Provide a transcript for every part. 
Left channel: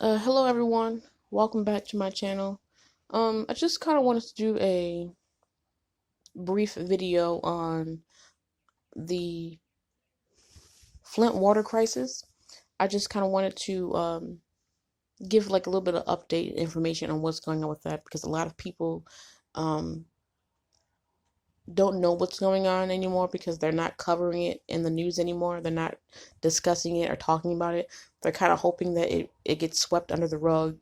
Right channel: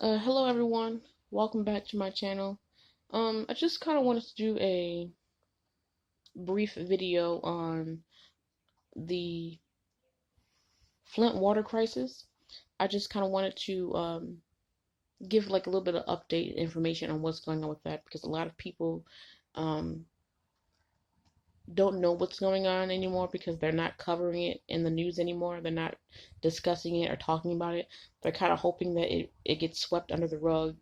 Hello everyone. Welcome back to my channel. I just kind of wanted to do a brief video on the Flint water crisis. I just kind of wanted to give like a little bit of update information on what's going on with that because a lot of people um, don't know what's going on anymore because they're not covering it in the news anymore. They're not discussing it or talking about it. They're kind of hoping that it gets swept under the rug,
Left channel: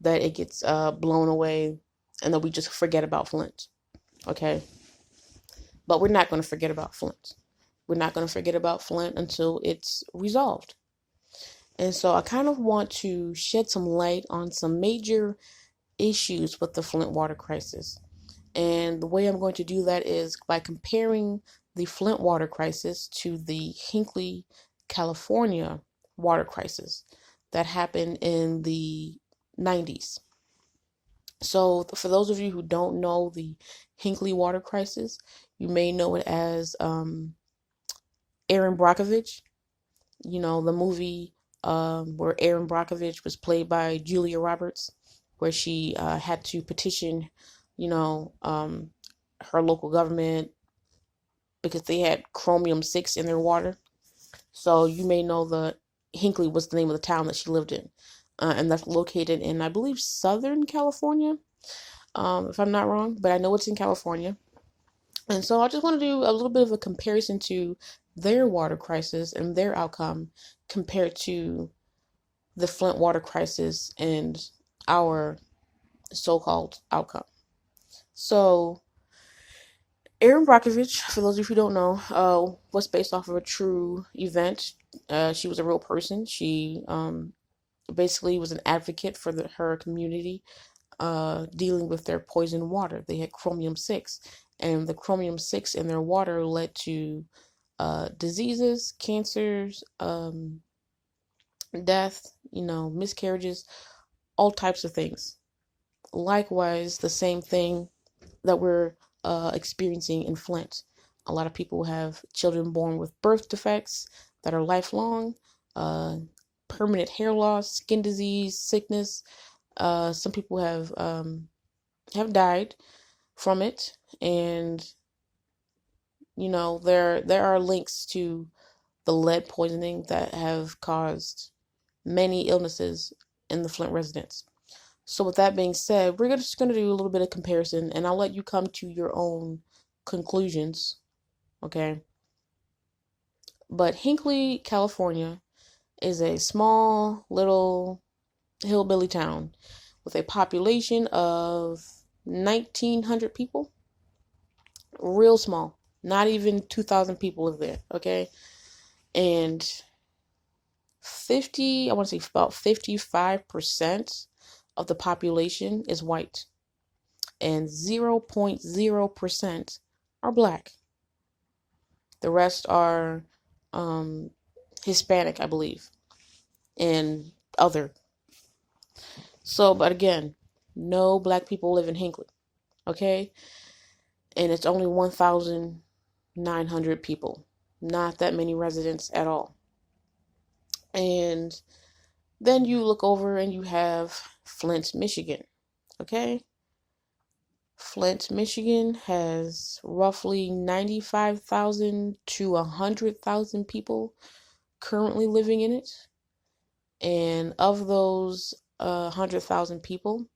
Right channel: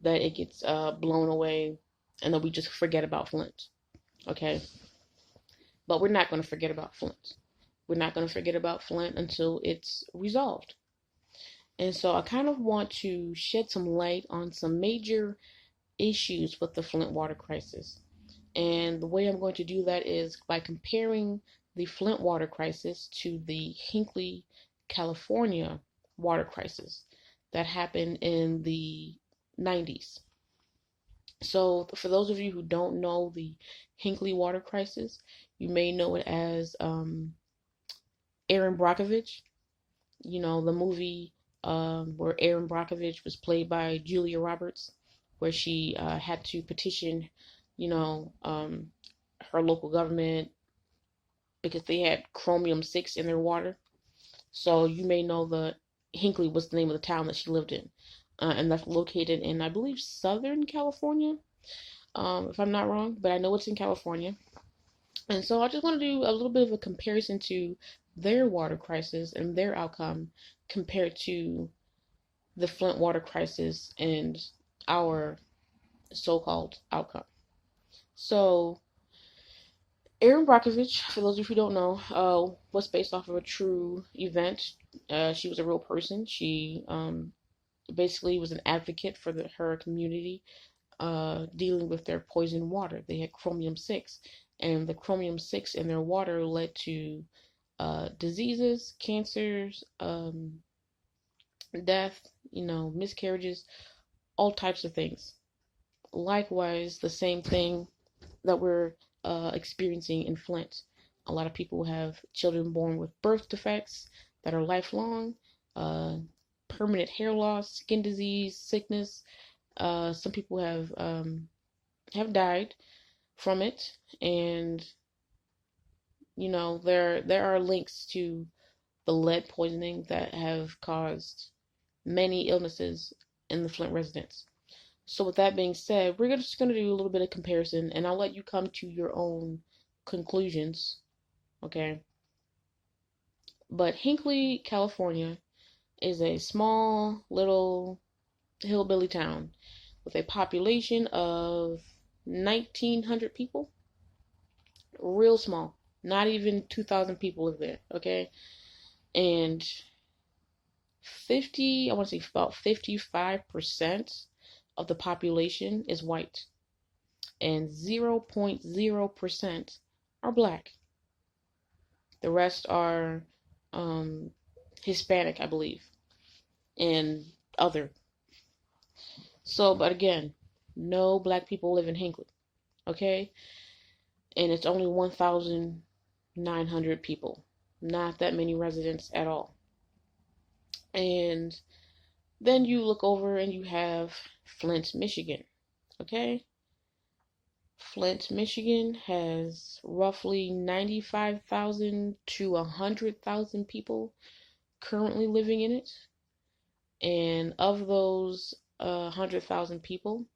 that it gets blown away, and that we just forget about Flint. Okay? But we're not going to forget about Flint. We're not going to forget about Flint until it's resolved. And so I kind of want to shed some light on some major issues with the Flint water crisis. And the way I'm going to do that is by comparing the Flint water crisis to the Hinkley, California water crisis that happened in the 90s. So, for those of you who don't know the Hinkley water crisis, you may know it as Aaron Brockovich. You know, the movie where Aaron Brockovich was played by Julia Roberts, where she had to petition, you know, her local government because they had chromium-6 in their water. So, you may know the Hinkley was the name of the town that she lived in. And that's located in, I believe, Southern California, if I'm not wrong, but I know it's in California. And so I just want to do a little bit of a comparison to their water crisis and their outcome compared to the Flint water crisis and our so-called outcome. So Erin Brockovich, for those of you who don't know, was based off of a true event. She was a real person. She basically was an advocate for her community, dealing with their poisoned water. They had chromium-6, and the chromium-6 in their water led to diseases, cancers, death, miscarriages, all types of things. Likewise, the same thing that we're experiencing in Flint. A lot of people have children born with birth defects that are lifelong, permanent hair loss, skin disease, sickness. Some people have died from it, and there are links to the lead poisoning that have caused many illnesses in the Flint residents. So with that being said, we're just going to do a little bit of comparison, and I'll let you come to your own conclusions, okay? But Hinkley, California is a small little hillbilly town with a population of 1,900 people. Real small. Not even 2,000 people live there, okay? And I want to say about 55% of the population is white, and 0.0% are black. The rest are Hispanic, I believe, and other. So, but again, no black people live in Hinkley, okay? And it's only 1,900 people. Not that many residents at all. And then you look over and you have Flint, Michigan, okay? Flint, Michigan has roughly 95,000 to 100,000 people currently living in it. And of those 100,000 people,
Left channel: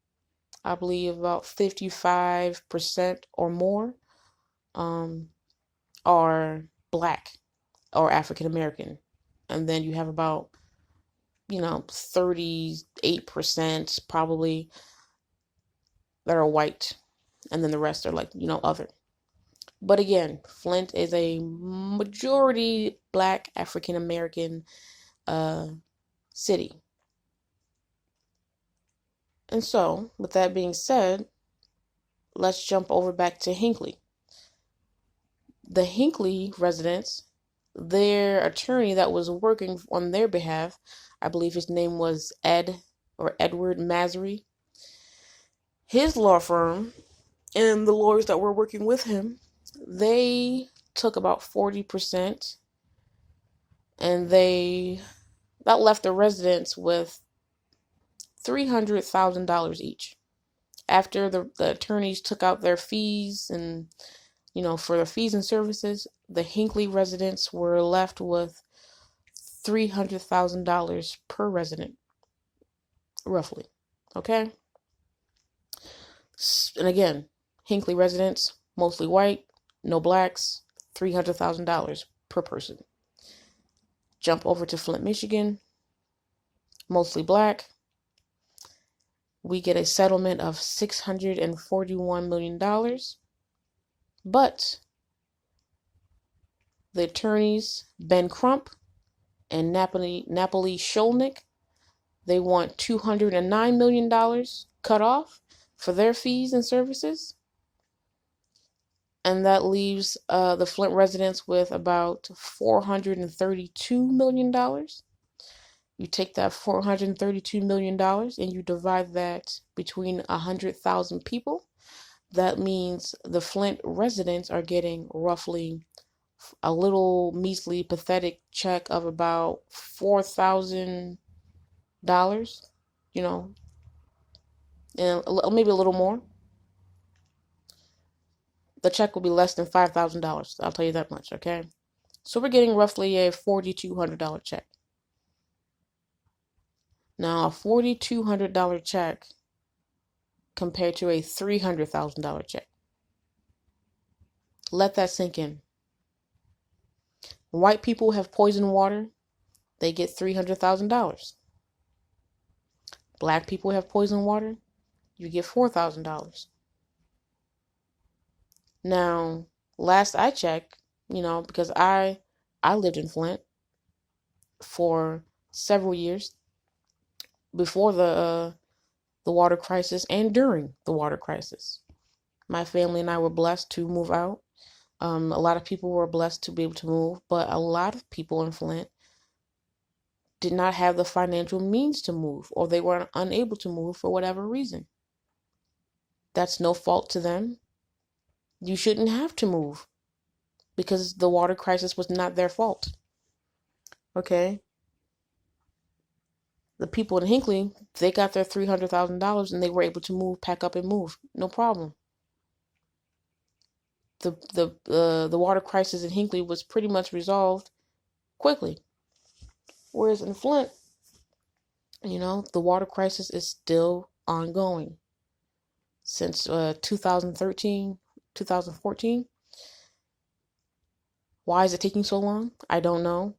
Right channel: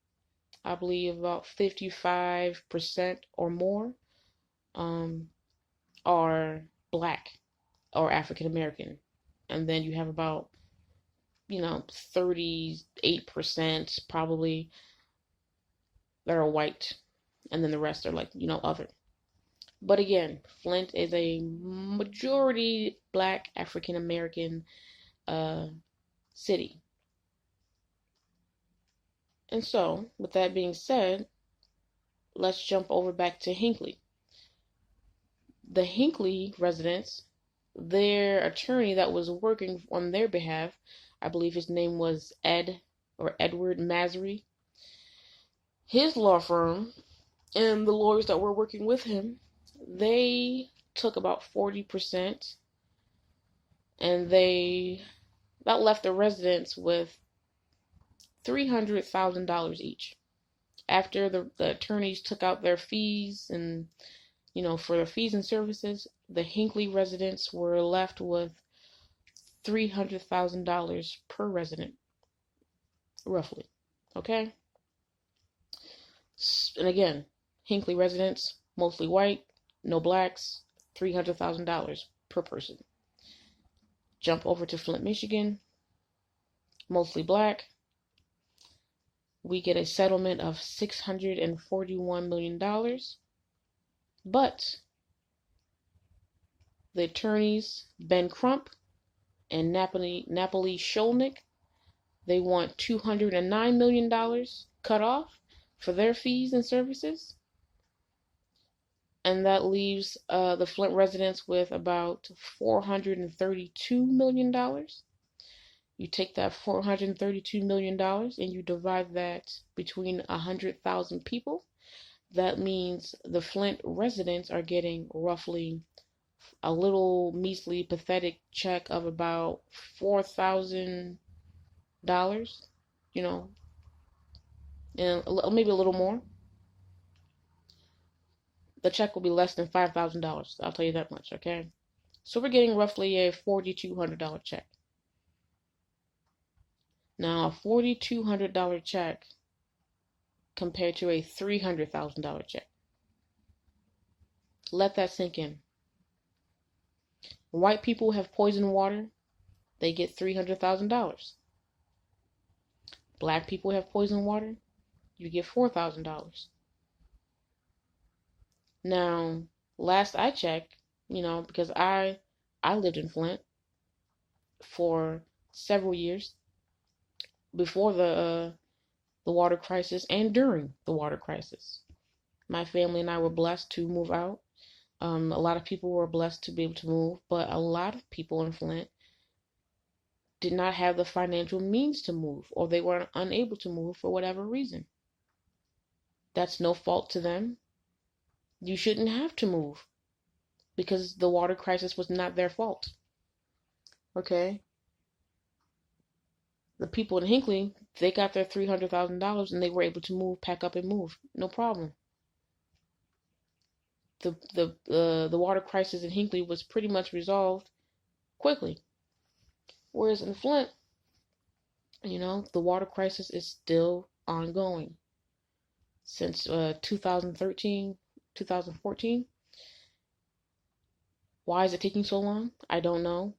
I believe about 55% or more are black or African American. And then you have about 38% probably that are white, and then the rest are like, other. But again, Flint is a majority black African American city. And so, with that being said, let's jump over back to Hinkley. The Hinkley residents, their attorney that was working on their behalf, I believe his name was Edward Masry. His law firm and the lawyers that were working with him, they took about 40%, and that left the residents with $300,000 each. After the attorneys took out their fees and, for their fees and services, the Hinkley residents were left with $300,000 per resident, roughly. Okay? And again, Hinkley residents, mostly white, no blacks, $300,000 per person. Jump over to Flint, Michigan, mostly black. We get a settlement of $641 million. But the attorneys, Ben Crump and Napoli Sholnick, they want $209 million cut off for their fees and services. And that leaves the Flint residents with about $432 million. You take that $432 million and you divide that between 100,000 people. That means the Flint residents are getting roughly a little measly, pathetic check of about $4,000, and maybe a little more. The check will be less than $5,000. I'll tell you that much, okay? So we're getting roughly a $4,200 check. Now, a $4,200 check compared to a $300,000 check. Let that sink in. White people have poisoned water. They get $300,000. Black people have poisoned water. You get $4,000. Now, last I checked, because I lived in Flint for several years before the water crisis and during the water crisis. My family and I were blessed to move out. A lot of people were blessed to be able to move, but a lot of people in Flint did not have the financial means to move, or they were unable to move for whatever reason. That's no fault to them. You shouldn't have to move because the water crisis was not their fault. Okay? The people in Hinkley, they got their $300,000 and they were able to move, pack up and move. No problem. The water crisis in Hinkley was pretty much resolved quickly. Whereas in Flint, the water crisis is still ongoing. Since 2013, 2014. Why is it taking so long? I don't know.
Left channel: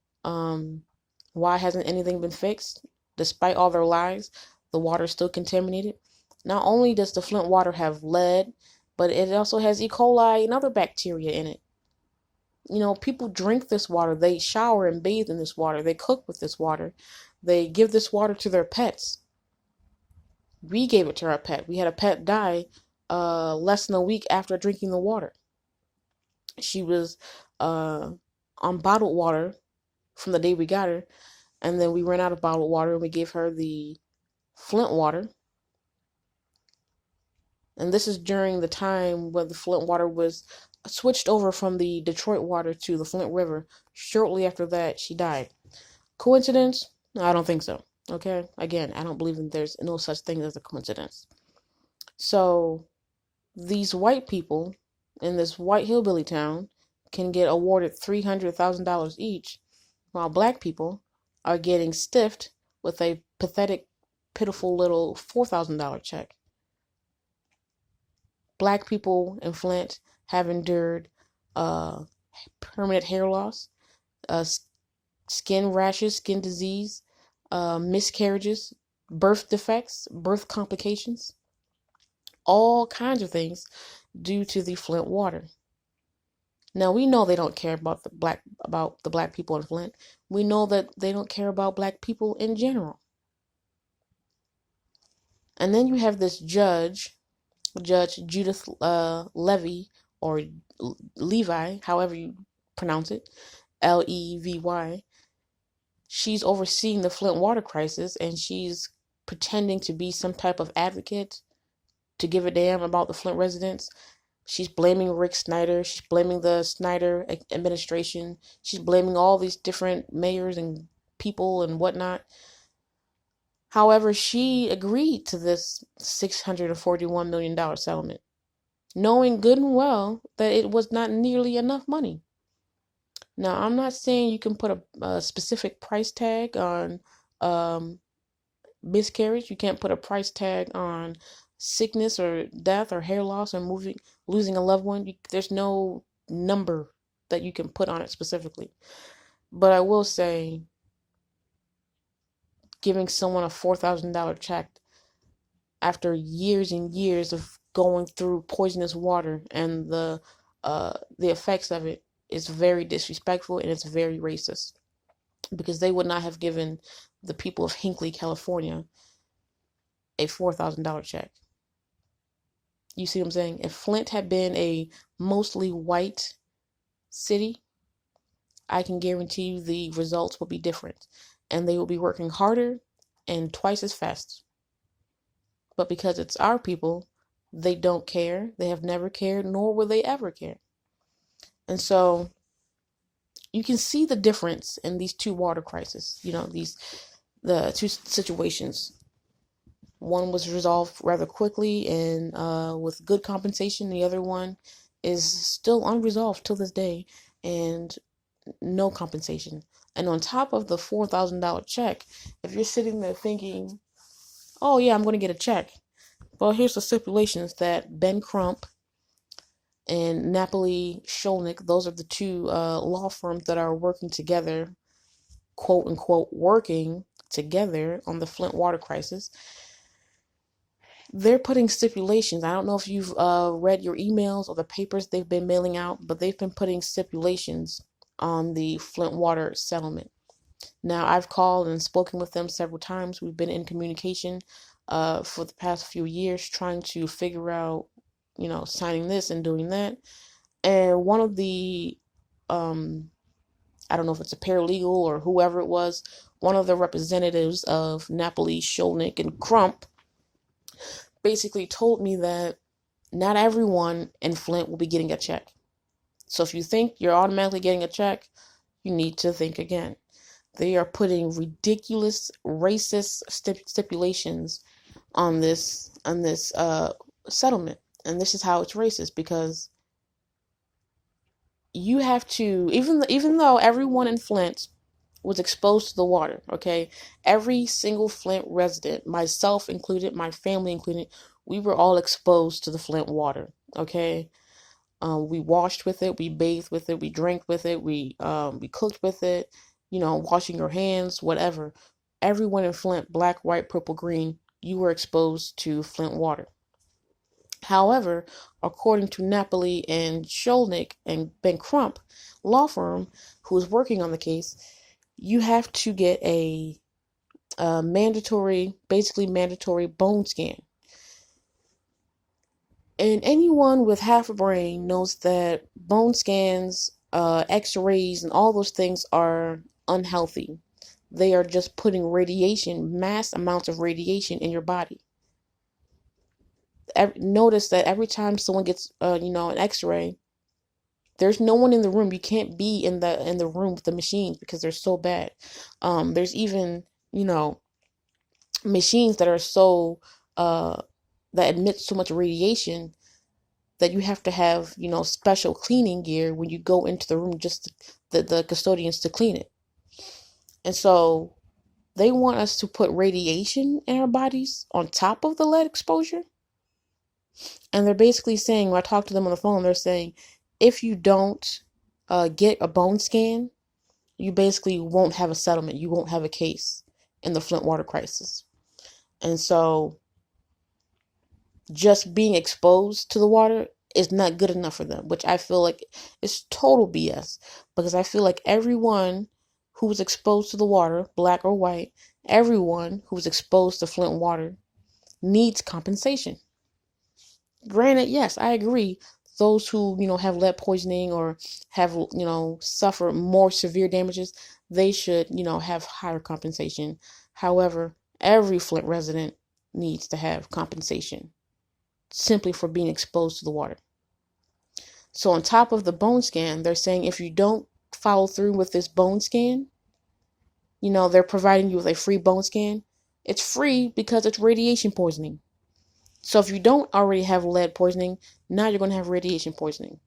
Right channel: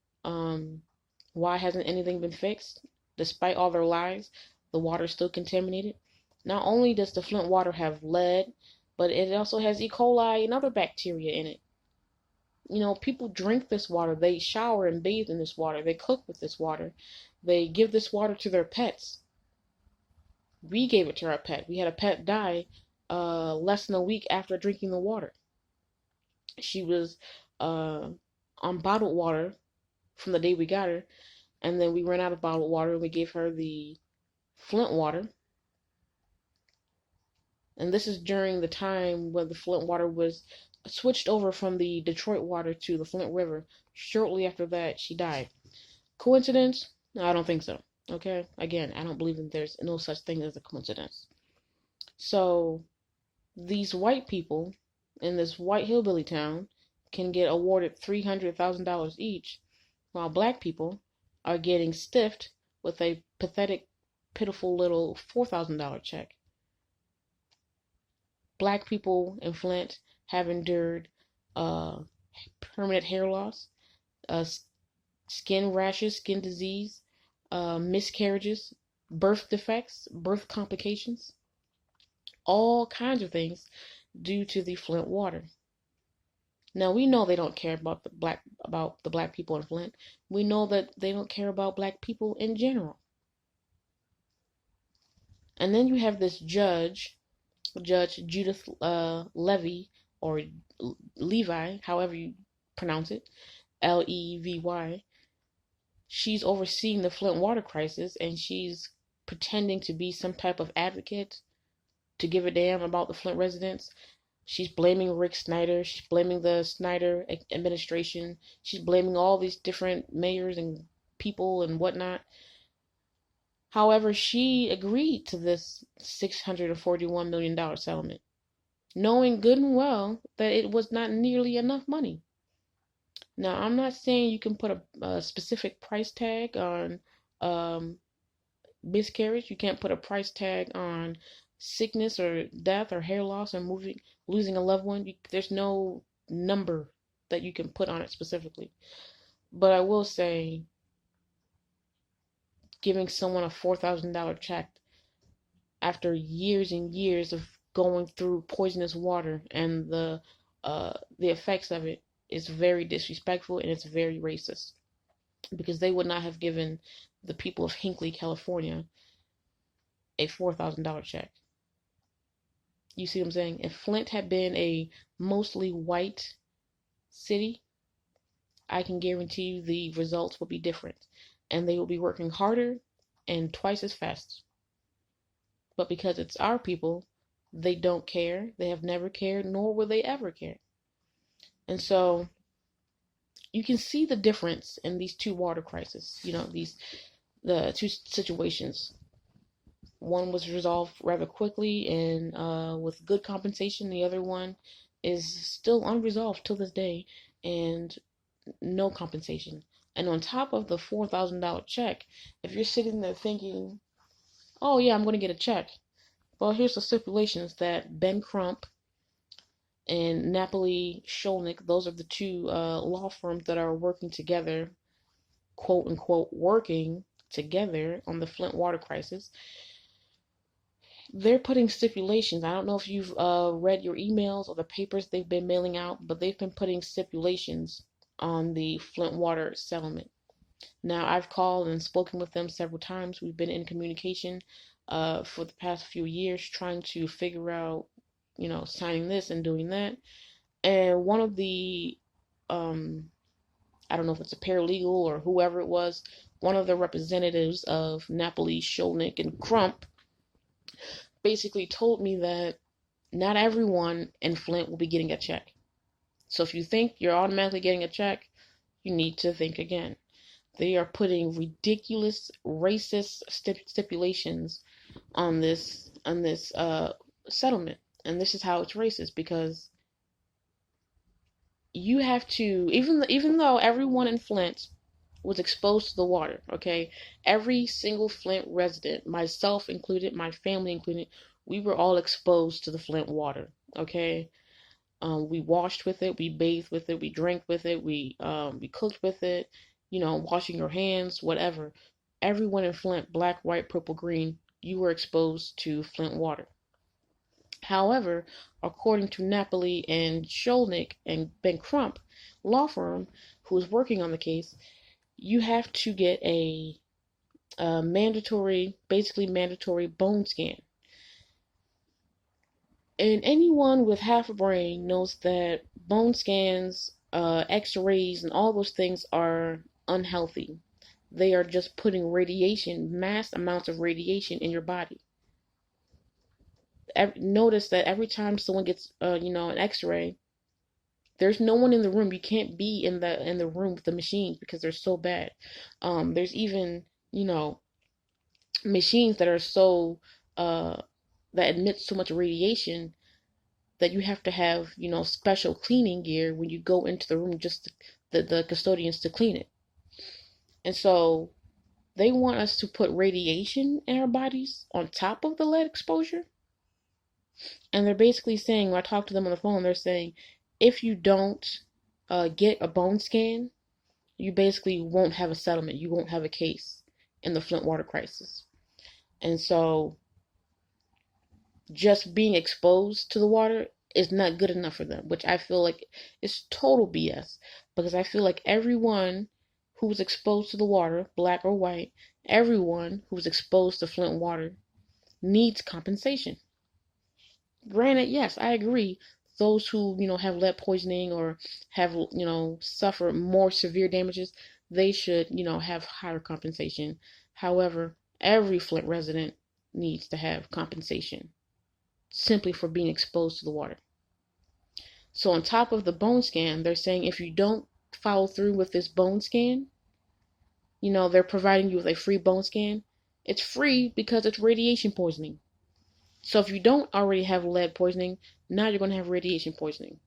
Why hasn't anything been fixed? Despite all their lies, the water is still contaminated. Not only does the Flint water have lead, but it also has E. coli and other bacteria in it. People drink this water. They shower and bathe in this water. They cook with this water. They give this water to their pets. We gave it to our pet. We had a pet die less than a week after drinking the water. She was on bottled water from the day we got her, and then we ran out of bottled water and we gave her the Flint water. And this is during the time when the Flint water was switched over from the Detroit water to the Flint River. Shortly after that, she died. Coincidence? I don't think so. Okay? Again, I don't believe that there's no such thing as a coincidence. So, these white people in this white hillbilly town can get awarded $300,000 each, while black people are getting stiffed with a pathetic, pitiful little $4,000 check. Black people in Flint have endured permanent hair loss, skin rashes, skin disease, miscarriages, birth defects, birth complications, all kinds of things due to the Flint water. Now, we know they don't care about the black people in Flint. We know that they don't care about black people in general. And then you have this Judge Judith Levy, or Levi, however you pronounce it, Levy. She's overseeing the Flint water crisis, and she's pretending to be some type of advocate to give a damn about the Flint residents. She's blaming Rick Snyder. She's blaming the Snyder administration. She's blaming all these different mayors and people and whatnot. However, she agreed to this $641 million settlement, knowing good and well that it was not nearly enough money. Now, I'm not saying you can put a specific price tag on um, miscarriage. You can't put a price tag on sickness or death or hair loss or losing a loved one. There's no number that you can put on it specifically. But I will say, giving someone a $4,000 check after years and years of going through poisonous water and the effects of it is very disrespectful, and it's very racist, because they would not have given the people of Hinkley, California, a $4,000 check. You see what I'm saying? If Flint had been a mostly white city, I can guarantee you the results will be different, and they will be working harder and twice as fast. But because it's our people, they don't care. They have never cared, nor will they ever care. And so you can see the difference in these two water crises. The two situations. One was resolved rather quickly and with good compensation. The other one is still unresolved till this day and no compensation. And on top of the $4,000 check, if you're sitting there thinking, oh yeah, I'm going to get a check. Well, here's the stipulations that Ben Crump and Napoli Sholnick, those are the two law firms that are working together, quote unquote, working together on the Flint water crisis. They're putting stipulations. I don't know if you've read your emails or the papers they've been mailing out, but they've been putting stipulations on the Flint water settlement. Now, I've called and spoken with them several times. We've been in communication for the past few years, trying to figure out, signing this and doing that. And one of the, I don't know if it's a paralegal or whoever it was, one of the representatives of Napoli, Sholnick, and Crump basically told me that not everyone in Flint will be getting a check. So if you think you're automatically getting a check, you need to think again. They are putting ridiculous racist stipulations on this settlement, and this is how it's racist, because you have to, even though everyone in Flint was exposed to the water, okay, every single Flint resident, myself included, my family included, we were all exposed to the Flint water, okay. We washed with it, we bathed with it, we drank with it, we cooked with it, washing your hands, whatever. Everyone in Flint, black, white, purple, green, you were exposed to Flint water. However, according to Napoli and Sholnick and Ben Crump law firm, who is working on the case, you have to get a basically mandatory bone scan. And anyone with half a brain knows that bone scans, x-rays, and all those things are unhealthy. They are just putting mass amounts of radiation in your body. Notice that every time someone gets, an x-ray, there's no one in the room. You can't be in the room with the machines because they're so bad. There's even, machines that are so, that emit so much radiation that you have to have, special cleaning gear when you go into the room, just the custodians to clean it. And so they want us to put radiation in our bodies on top of the lead exposure. And they're basically saying, when I talk to them on the phone, they're saying, if you don't get a bone scan, you basically won't have a settlement. You won't have a case in the Flint water crisis. And so just being exposed to the water is not good enough for them, which I feel like is total BS, because I feel like everyone who was exposed to the water, black or white, everyone who was exposed to Flint water needs compensation. Granted, yes, I agree. Those who, have lead poisoning or have, suffer more severe damages, they should, have higher compensation. However, every Flint resident needs to have compensation simply for being exposed to the water. So on top of the bone scan, they're saying if you don't follow through with this bone scan, they're providing you with a free bone scan. It's free because it's radiation poisoning. So if you don't already have lead poisoning, now you're going to have radiation poisoning.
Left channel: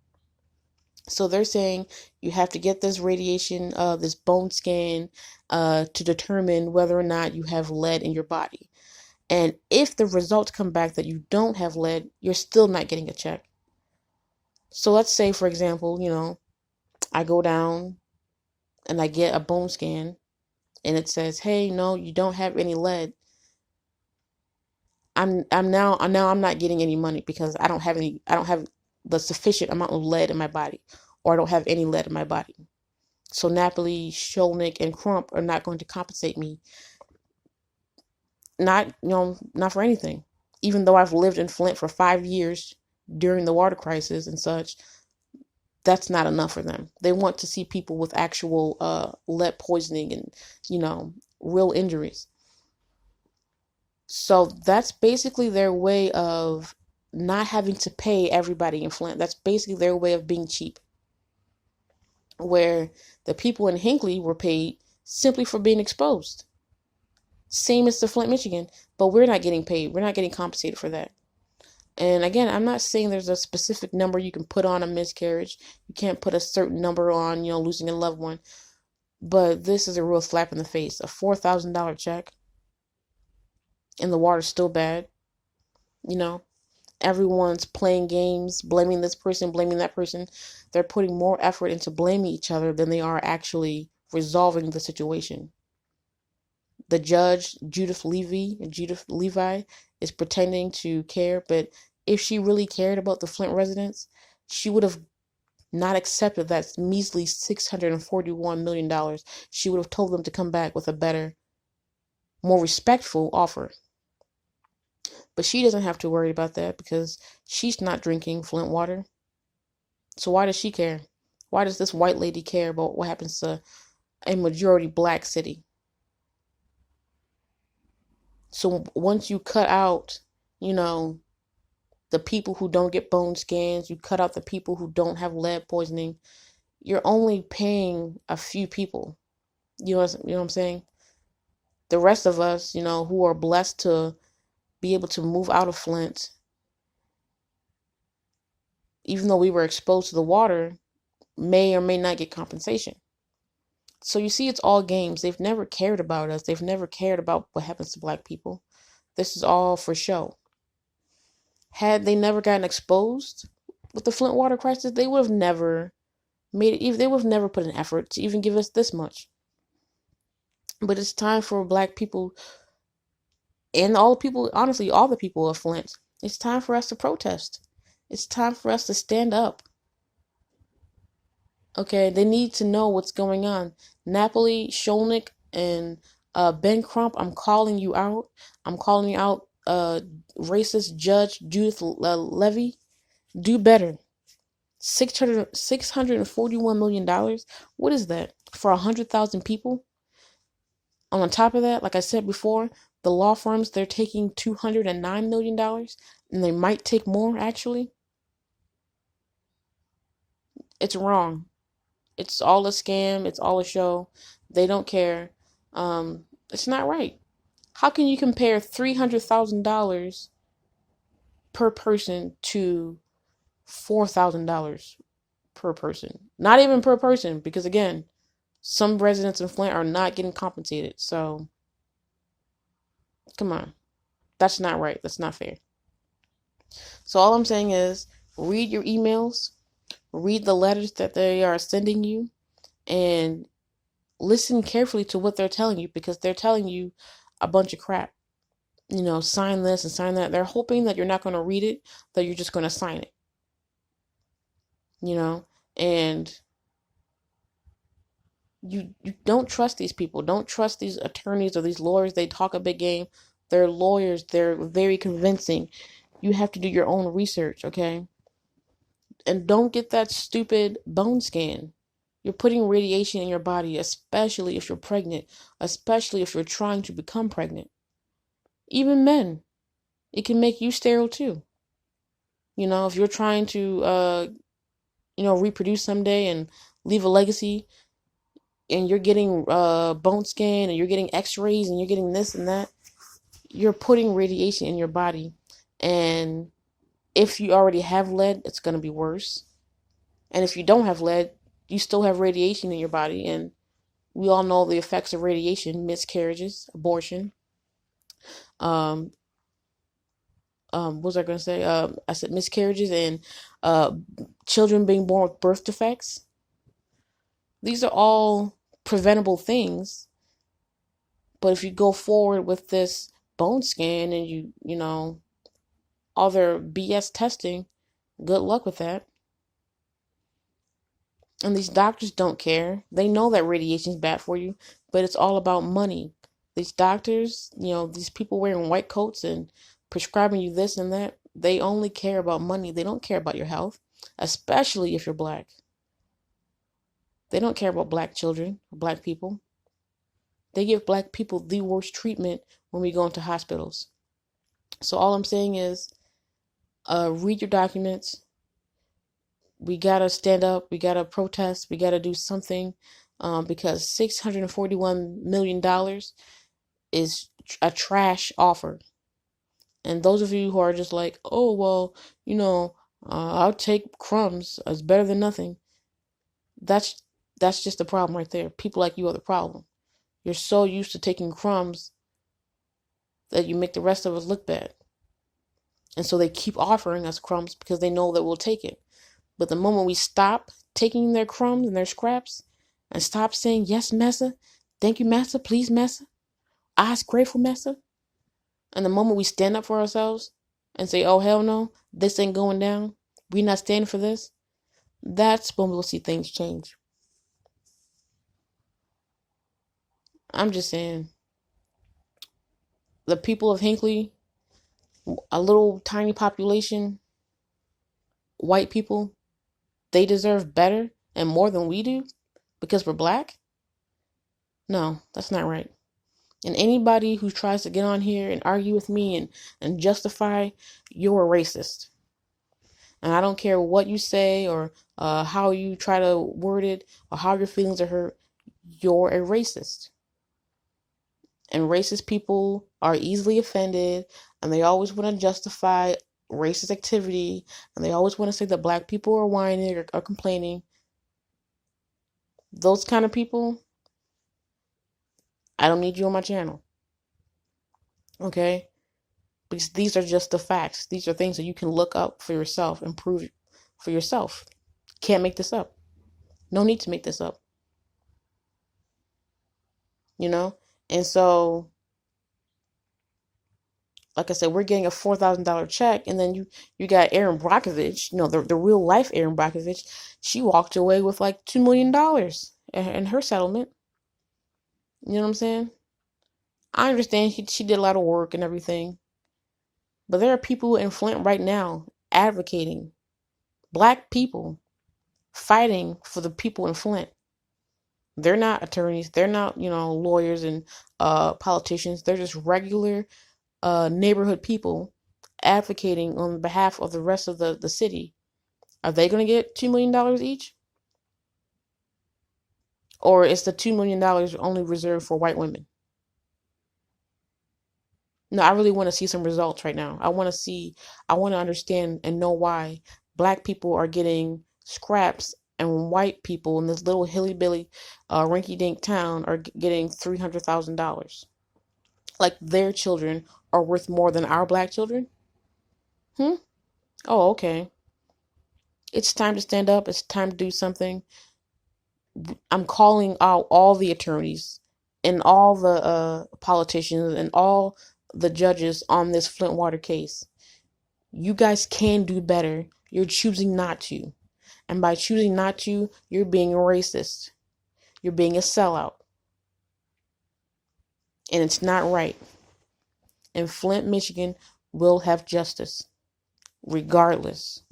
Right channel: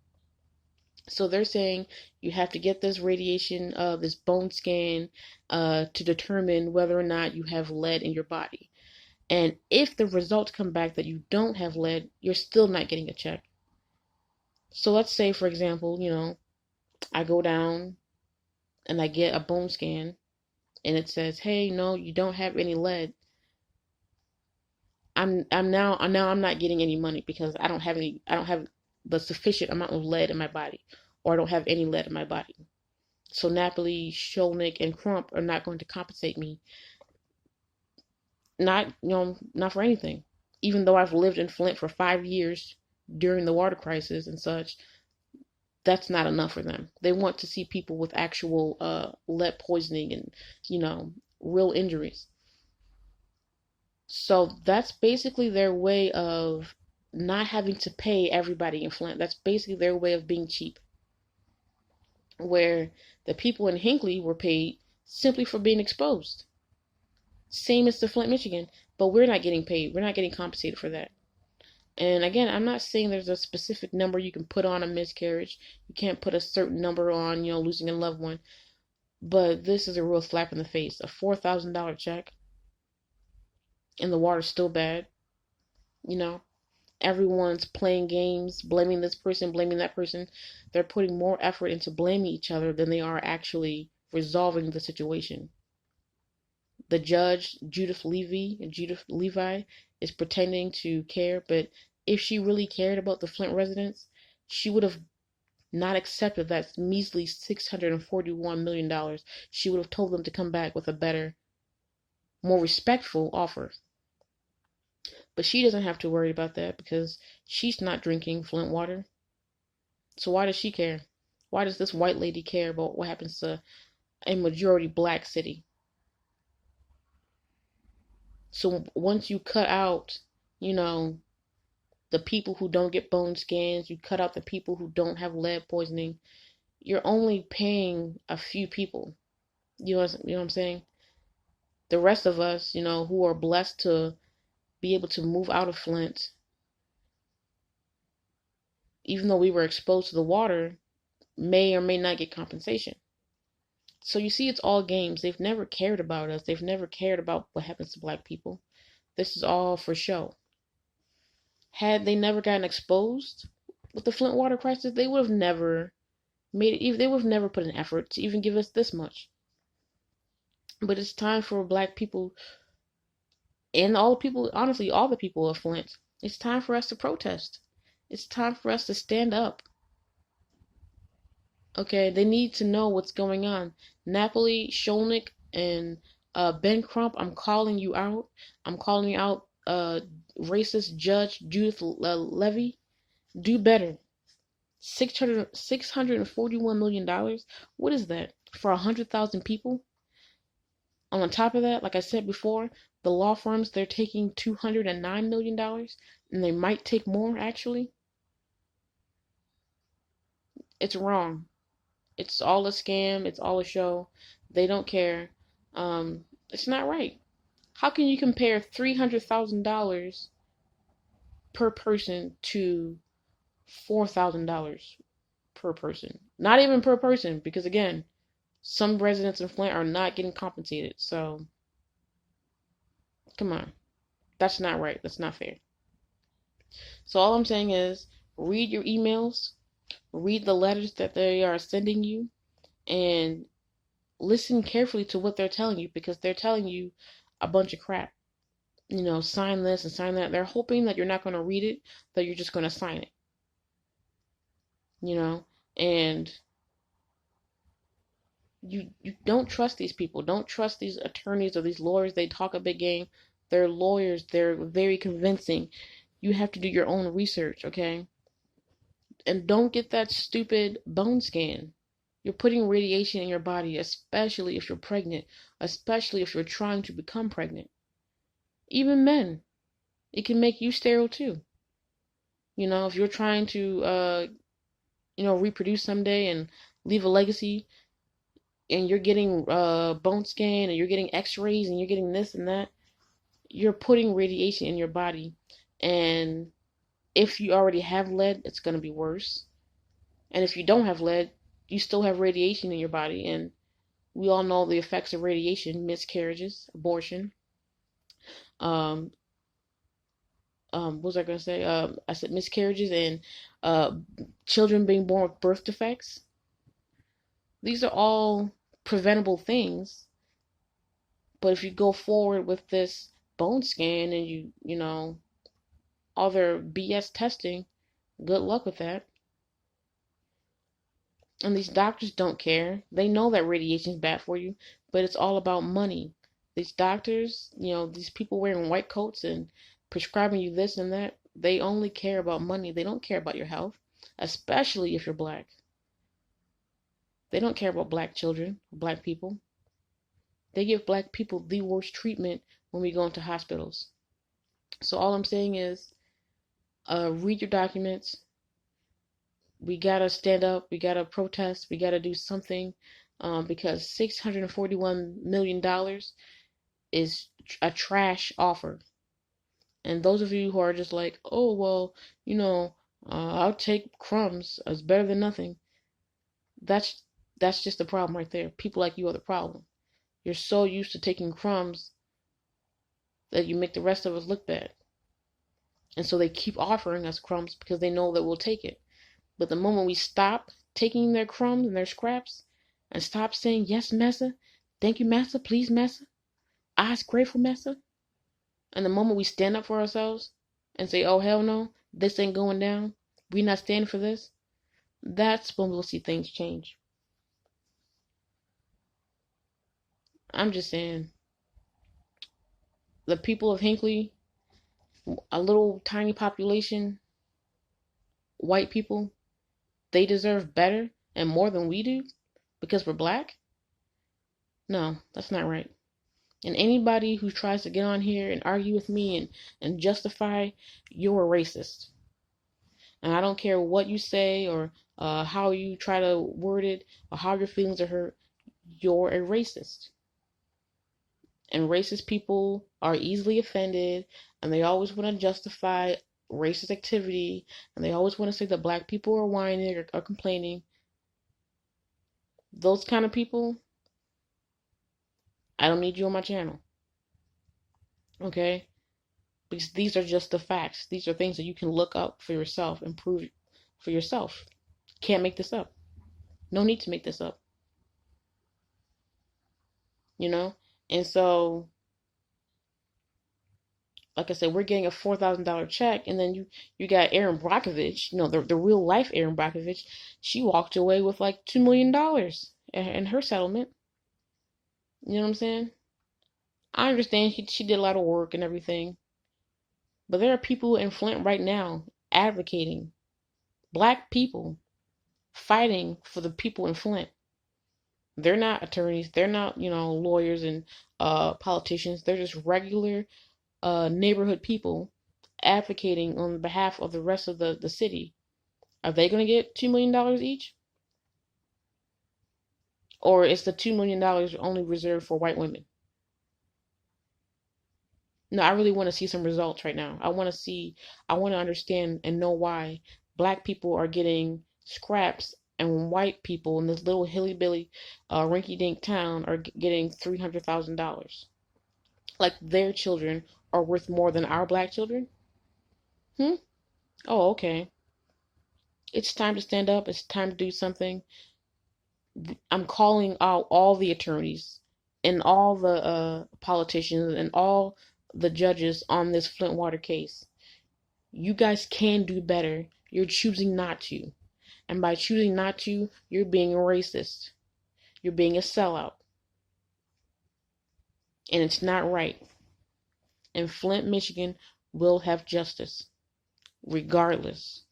So they're saying you have to get this radiation, this bone scan, to determine whether or not you have lead in your body. And if the results come back that you don't have lead, you're still not getting a check. So let's say, for example, I go down and I get a bone scan and it says, "Hey, no, you don't have any lead." I'm not getting any money because I don't have the sufficient amount of lead in my body, or I don't have any lead in my body. So Napoli, Sholnick, and Crump are not going to compensate me. Not for anything. Even though I've lived in Flint for 5 years during the water crisis and such, that's not enough for them. They want to see people with actual lead poisoning and, real injuries. So that's basically their way of not having to pay everybody in Flint. That's basically their way of being cheap. Where the people in Hinkley were paid simply for being exposed. Same as the Flint, Michigan, but we're not getting paid. We're not getting compensated for that. And again, I'm not saying there's a specific number you can put on a miscarriage. You can't put a certain number on, losing a loved one. But this is a real slap in the face. A $4,000 check. And the water's still bad. Everyone's playing games, blaming this person, blaming that person. They're putting more effort into blaming each other than they are actually resolving the situation. The judge, Judith Levi, is pretending to care, but if she really cared about the Flint residents, she would have not accepted that measly $641 million. She would have told them to come back with a better, more respectful offer. But she doesn't have to worry about that because she's not drinking Flint water. So why does she care? Why does this white lady care about what happens to a majority black city? So once you cut out, the people who don't get bone scans, you cut out the people who don't have lead poisoning, you're only paying a few people. You know what I'm saying? The rest of us, who are blessed to be able to move out of Flint, even though we were exposed to the water, may or may not get compensation. So you see, it's all games. They've never cared about us. They've never cared about what happens to black people. This is all for show. Had they never gotten exposed with the Flint water crisis, they would have never made it. They would have never put an effort to even give us this much. But it's time for black people and all the people, honestly, all the people of Flint. It's time for us to protest. It's time for us to stand up. Okay, they need to know what's going on. Napoli, Sholnick, and Ben Crump, I'm calling you out. I'm calling you out, racist Judge Judith Levy. Do better. $641 million. What is that? For 100,000 people? On top of that, like I said before, the law firms, they're taking $209 million. And they might take more, actually. It's wrong. It's all a scam. It's all a show. They don't care. It's not right. How can you compare $300,000 per person to $4,000 per person? Not even per person, because again, some residents in Flint are not getting compensated. So, come on. That's not right. That's not fair. So all I'm saying is, read your emails, read the letters that they are sending you, and listen carefully to what they're telling you, because they're telling you a bunch of crap. Sign this and sign that. They're hoping that you're not going to read it, that you're just going to sign it. And you don't trust these people. Don't trust these attorneys or these lawyers. They talk a big game. They're lawyers. They're very convincing. You have to do your own research, okay? And don't get that stupid bone scan. You're putting radiation in your body, especially if you're pregnant, especially if you're trying to become pregnant. Even men, it can make you sterile too. If you're trying to, reproduce someday and leave a legacy, and you're getting bone scan and you're getting x-rays and you're getting this and that, you're putting radiation in your body, and if you already have lead, it's going to be worse. And if you don't have lead, you still have radiation in your body, and we all know the effects of radiation: miscarriages, abortion. Um, what was I going to say? I said miscarriages and uh, children being born with birth defects. These are all preventable things. But if you go forward with this bone scan and you know, all their BS testing, good luck with that. And these doctors don't care. They know that radiation is bad for you, but it's all about money. These doctors, you know, these people wearing white coats and prescribing you this and that, they only care about money. They don't care about your health, especially if you're black. They don't care about black children, black people. They give black people the worst treatment when we go into hospitals. So all I'm saying is, read your documents. We gotta stand up. We gotta protest. We gotta do something, because $641 million is a trash offer. And those of you who are just like, oh well, you know, I'll take crumbs. It's better than nothing. That's that's just the problem right there. People like you are the problem. You're so used to taking crumbs that you make the rest of us look bad. And so they keep offering us crumbs because they know that we'll take it. But the moment we stop taking their crumbs and their scraps and stop saying, yes, massa, thank you, massa, please, massa, I's grateful, massa, and the moment we stand up for ourselves and say, oh, hell no, this ain't going down, we not standing for this, that's when we'll see things change. I'm just saying, the people of Hinkley, a little tiny population, white people, they deserve better and more than we do because we're black? No, that's not right. And anybody who tries to get on here and argue with me and justify, you're a racist. And I don't care what you say or how you try to word it or how your feelings are hurt, you're a racist. And racist people are easily offended, and they always want to justify racist activity, and they always want to say that black people are whining or complaining. Those kind of people, I don't need you on my channel. Okay? Because these are just the facts. These are things that you can look up for yourself and prove for yourself. Can't make this up. No need to make this up. You know? And so, like I said, we're getting a $4,000 check, and then you got Erin Brockovich, you know, the real life Erin Brockovich. She walked away with like $2 million in her settlement. You know what I'm saying? I understand she did a lot of work and everything, but there are people in Flint right now advocating, black people fighting for the people in Flint. They're not attorneys. They're not, you know, lawyers and politicians. They're just regular neighborhood people advocating on behalf of the rest of the city. Are they going to get $2 million each? Or is the $2 million only reserved for white women? No, I really want to see some results right now. I want to understand and know why black people are getting scraps and white people in this little hilly-billy rinky-dink town are getting $300,000. Like their children are worth more than our black children? Oh, okay. It's time to stand up. It's time to do something. I'm calling out all the attorneys and all the politicians and all the judges on this Flint water case. You guys can do better. You're choosing not to. And by choosing not to, you're being a racist. You're being a sellout. And it's not right. And Flint, Michigan will have justice. Regardless.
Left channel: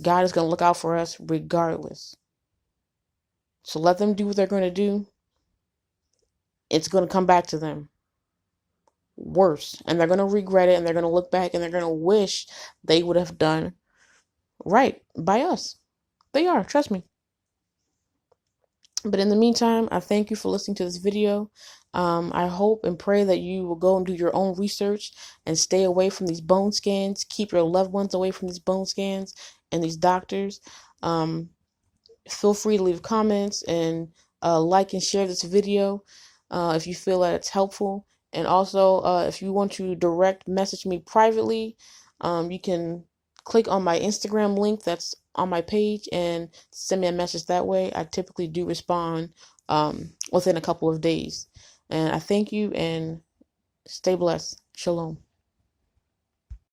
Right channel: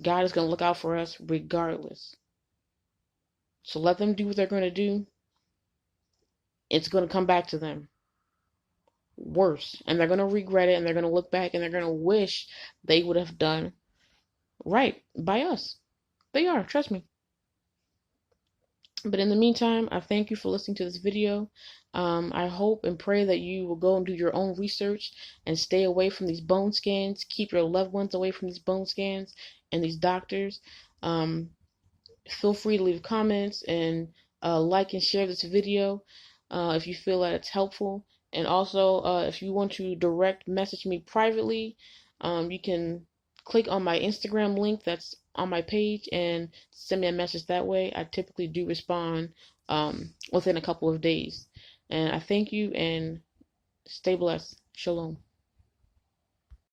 God is going to look out for us regardless. So let them do what they're going to do. It's going to come back to them. Worse. And they're going to regret it. And they're going to look back and they're going to wish they would have done right by us. They are. Trust me. But in the meantime, I thank you for listening to this video. I hope and pray that you will go and do your own research and stay away from these bone scans. Keep your loved ones away from these bone scans and these doctors. Feel free to leave comments and like and share this video if you feel that it's helpful. And also, if you want to direct message me privately, you can click on my Instagram link that's on my page and send me a message that way. I typically do respond within a couple of days. And I thank you and stay blessed. Shalom.